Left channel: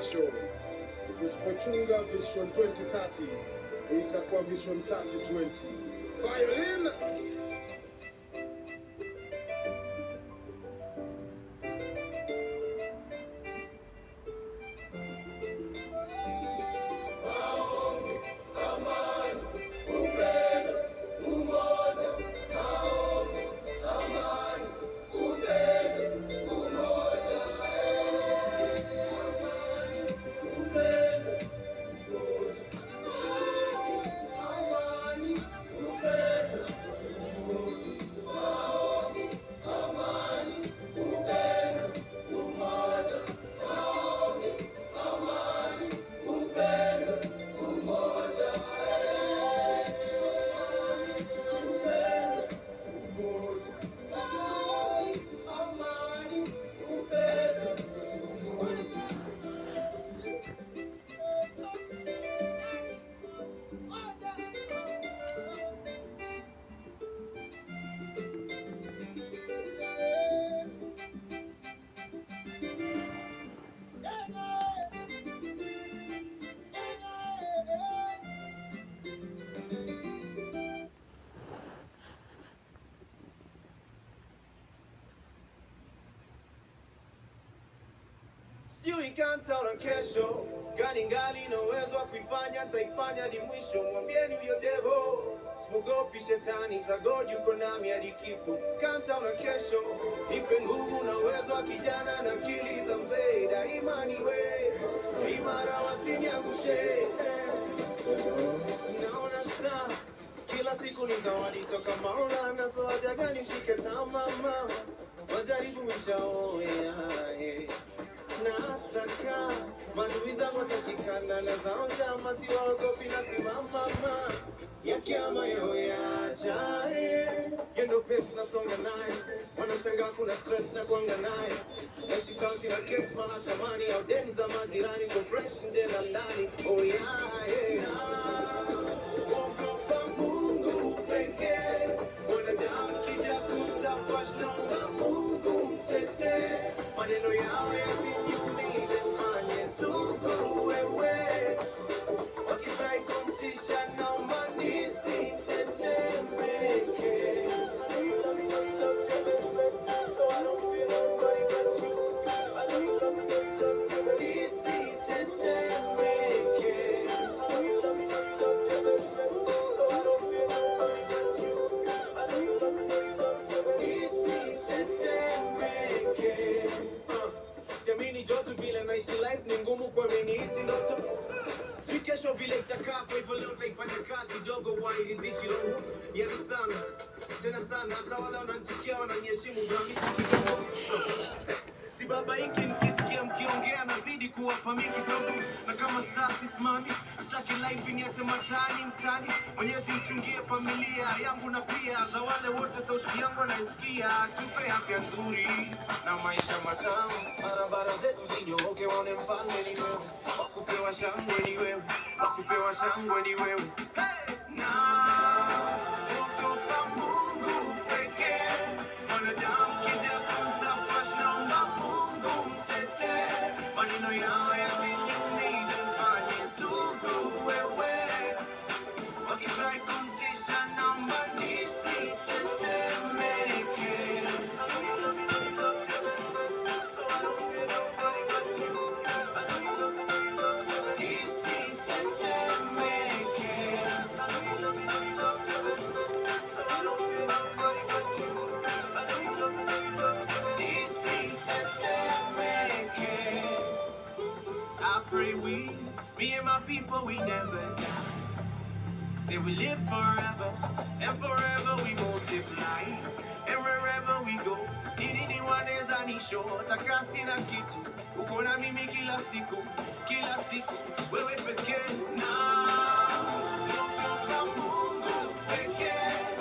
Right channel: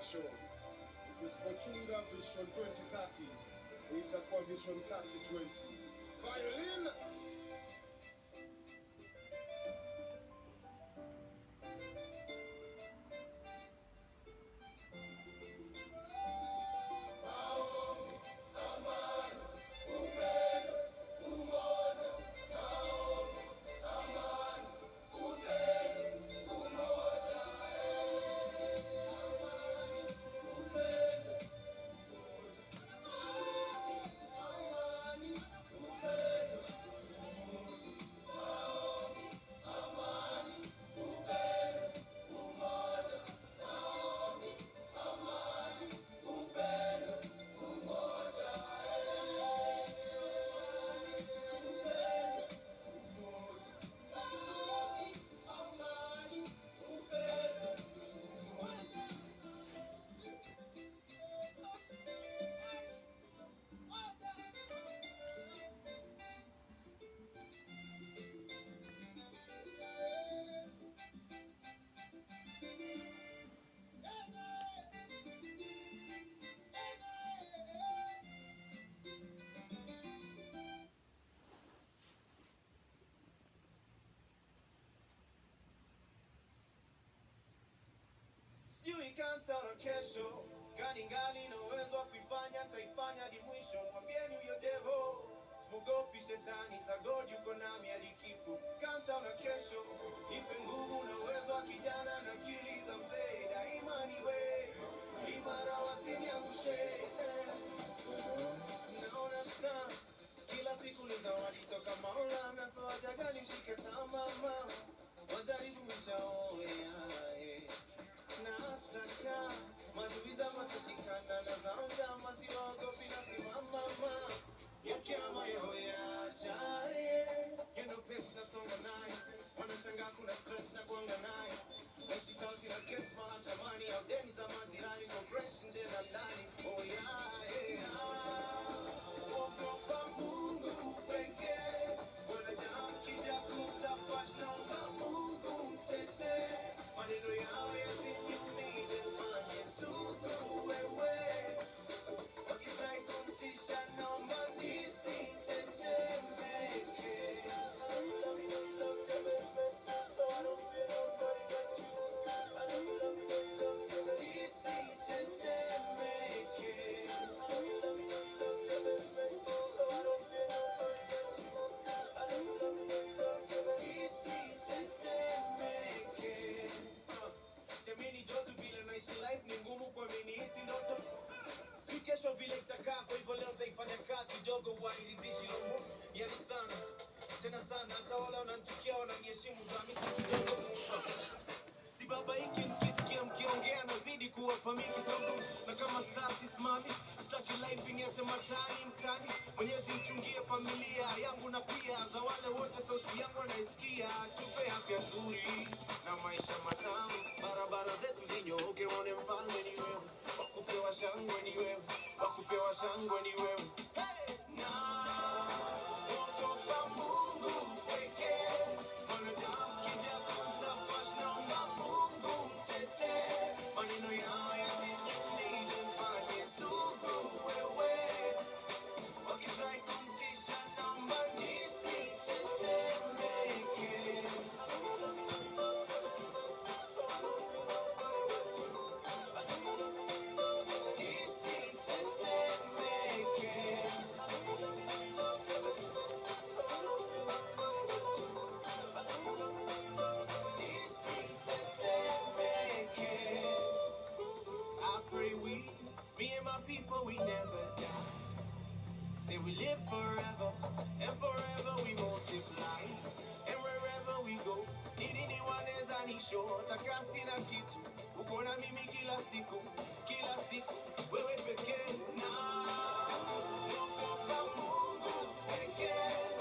Show. Tusipochunga Vision 2030 itakuwa Vision 3020. Violin sijui kantaona kesho gani ngali na uwezo wa kuifanya, nitaifanya hadi mwisho. Mwambieni huyo devo simogopi shetani, za God yuko nami hadi kifo. Kantaona kesho, nipe nguvu na uwezo wa kijana na akili za mzee. Daima niwe imara, wasiniangushe. Naona saa kila siku ni zawadi toka Maulana, so haja gani mshike tamama, wajaribu mshaoya. Nataka maadui zangu watashikana na zao njama, siwaogopi na simama yakiama yao yajae. Yendo pesi nasonga naye, wanashangaa kuna stress na kuanga naye. Naishi sauti na kesi mahakamani, au deni za majirani, compression tena ndani. Oh yeah. Ogopa Mungu pekee, wanadamu kija kutafash, naomba Mungu mtetee. Maneno yao yasiniumize, mfanye sugu wewe. Wakifurahi kumtisha, naomba nisitetemeke. So I don't feel nobody but you. I know you love me, nisitetemeke. I know you love me, yako, hivyo leo utaifanya kazi kidogo, wairidhishi roho yetu sana tena sana. Hata wale wananichukia wananiheshimu, Hamisi kidogo. Si baba hiki nikisikia mkiongea nazidi kuwapa mimi kisogo, na kama saa sisimami sitaki life niache matani mtani. Mwenyezi mchungie familia yangu na pia za wale wote sauti yangu wanaisikia. Tupe afya nzuri na maisha matamu, barabara zetu zinyooke, waone mfalme ni wewe, wakupewa shangwe ni wewe, wakupewa shangwe ni wewe. Hey! Na ogopa Mungu pekee, mwanadamu kija kumtafash, naomba Mungu mtetee, maneno yao yasiniumize, mfanye sugu wewe, wakifurahi kumtisha, naomba nisitetemeke. So I don't fear nobody but you. I know you love me, know you love me, but nisitetemeke. I know you love me, know you love me, but so I don't fear nobody but you. I know you love me, know you love me, but nisitetemeke. I pray me and my people, we never die. Say we live forever, and forever we multiply. And wherever we go, nini waneza nisho, takasi na kitu, uko na mimi kila siku, wewe pekee. Na ogopa Mungu pekee,